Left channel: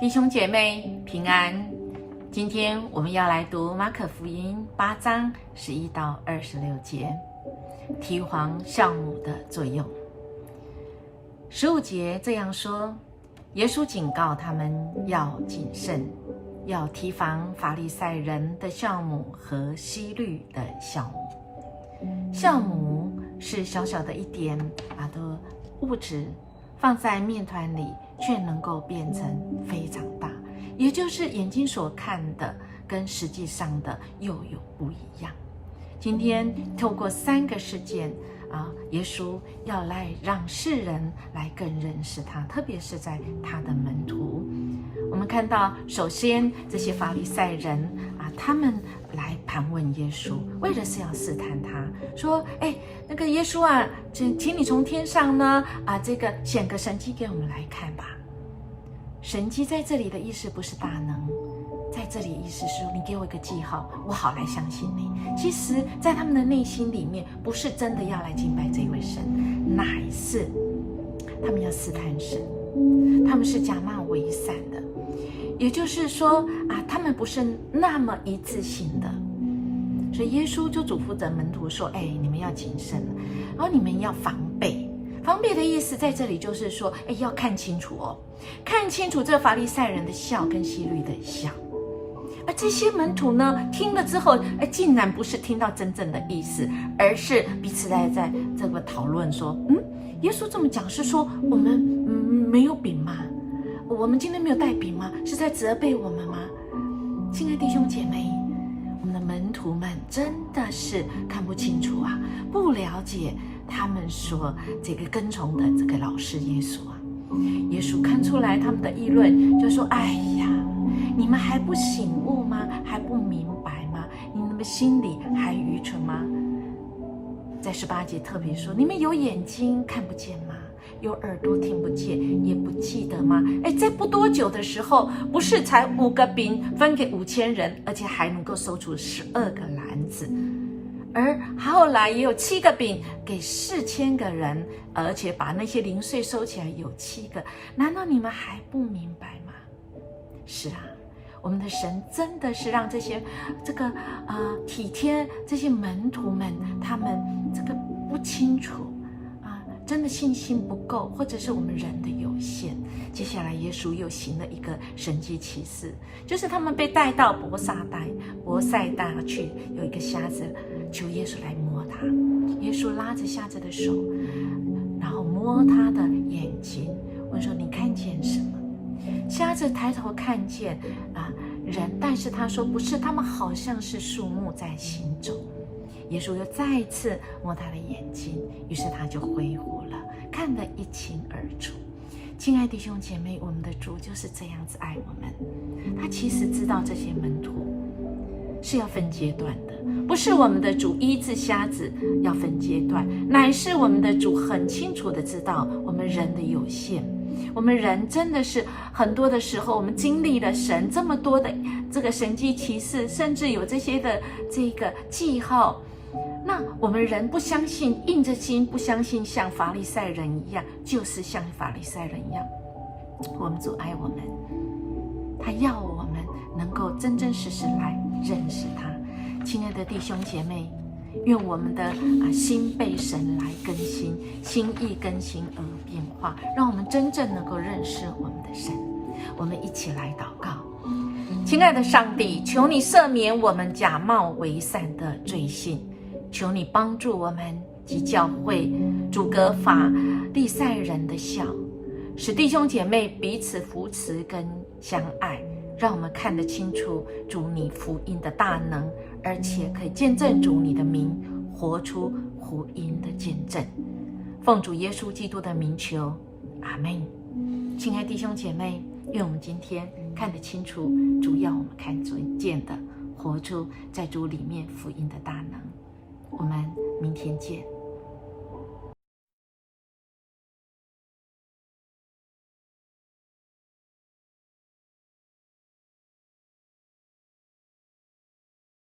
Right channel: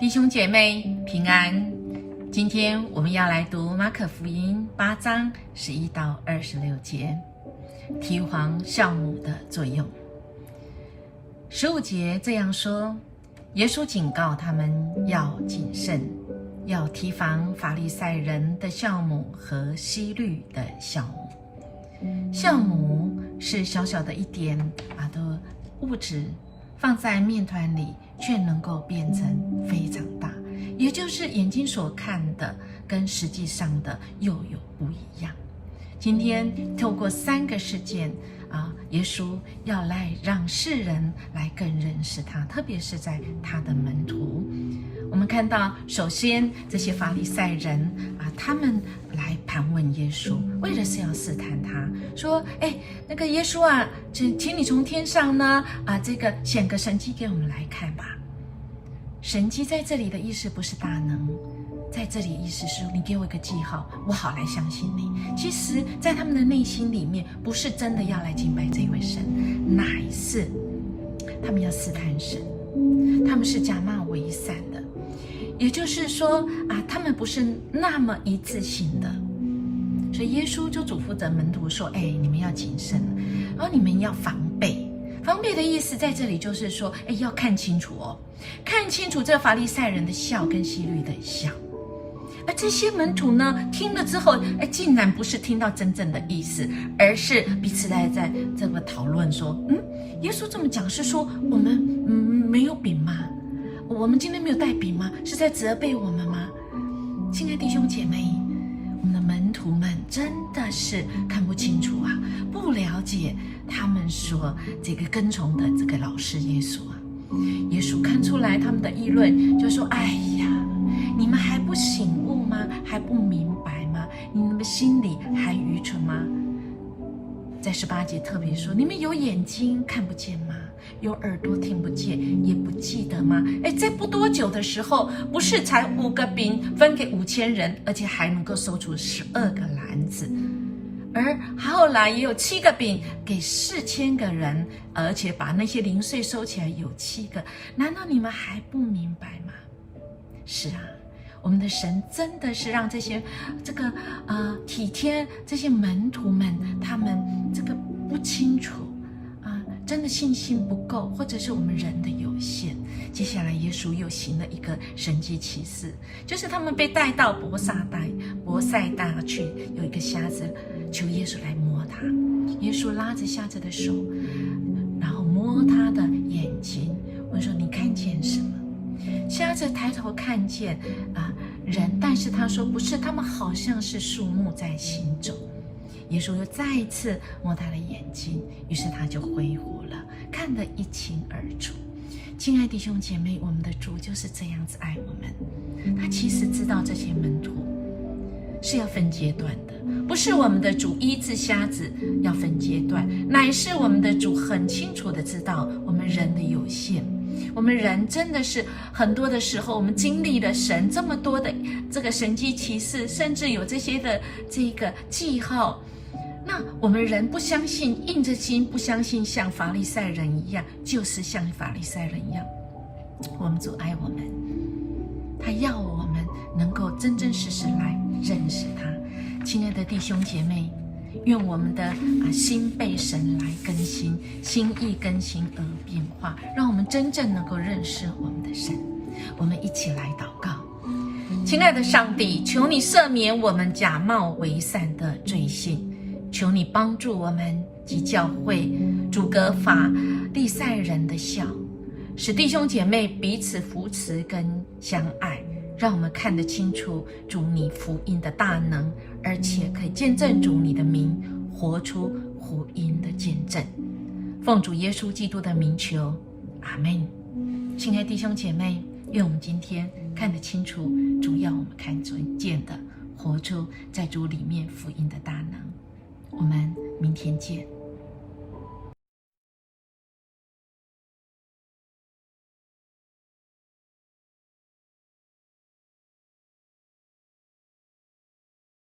弟兄姐妹平安，今天我们要来读马可福音8章11到26节，提防酵母的作用。15节这样说，耶稣警告他们要谨慎，要提防法利赛人的酵母和希律的酵母。酵母是小小的一点的物质，放在面团里却能够变成非常大，也就是眼睛所看的跟实际上的又有不一样。今天透过3个事件耶稣要来让世人来更认识他，特别是在他的门徒。我们看到，首先这些法利赛人他们来盘问耶稣，为了是要试探他，说：“那个耶稣啊，请你从天上呢这个显个神迹给我们来看吧。”神迹在这里的意思不是大能，在这里意思是你给我一个记号，我好来相信你。其实，在他们的内心里面，不是真的要来敬拜这位神，乃是他们要试探神，他们是假冒为善的。也就是说他们不是那么一致性的，所以耶稣就嘱咐着门徒说：“你们要谨慎，然后你们要防备。”防备的意思在这里就是说，要看清楚看清楚这个法利赛人的笑跟希律的笑。而这些门徒呢，听了之后，竟然不是听到真正的意思，而是彼此在这个讨论说：“耶稣这么讲是说我们没有饼吗？我们今天没有带饼吗？是在责备我们吗？”亲爱的弟兄姐妹，我们的门徒们真的是看不清楚不了解他们所这个跟从的这个老师耶稣耶稣看出来他们的议论，就说：“哎呀，你们还不醒悟吗？还不明白吗？你们心里还愚蠢吗？”在18节特别说：“你们有眼睛看不见吗？有耳朵听不见，也不记得吗？”在不多久的时候，不是才5个饼分给5000人，而且还能够收出12个篮子，而后来也有7个饼给4000个人，而且把那些零碎收起来有7个。难道你们还不明白吗？是我们的神真的是让这些体贴这些门徒们，他们这个不清楚真的信心不够，或者是我们人的有限。接下来耶稣又行了一个神迹奇事，就是他们被带到伯赛大去，有一个瞎子求耶稣来摸他，耶稣拉着瞎子的手，然后摸他的眼睛，问说：“你看见什么？”瞎子抬头看见人，但是他说不是，他们好像是树木在行走。耶稣又再一次摸他的眼睛，于是他就恢复了，看得一清二楚。亲爱的弟兄姐妹，我们的主就是这样子爱我们。他其实知道这些门徒是要分阶段的，不是我们的主医治瞎子要分阶段，乃是我们的主很清楚的知道我们人的有限。我们人真的是很多的时候，我们经历了神这么多的这个神迹奇事，甚至有这些的这个记号，那我们人不相信，硬着心不相信，像法利赛人一样，就是像法利赛人一样。我们主爱我们，他要我们能够真真实实来认识他。亲爱的弟兄姐妹，愿我们的心被神来更新，心意更新而变化，让我们真正能够认识我们的神。我们一起来祷告。亲爱的上帝，求你赦免我们假冒为善的罪行，求你帮助我们及教会阻隔法利赛人的笑，使弟兄姐妹彼此扶持跟相爱，让我们看得清楚主你福音的大能，而且可以见证主你的名，活出福音的见证。奉主耶稣基督的名求，阿们。亲爱弟兄姐妹，愿我们今天看得清楚主要我们看见的，活出在主里面福音的大能。我们明天见。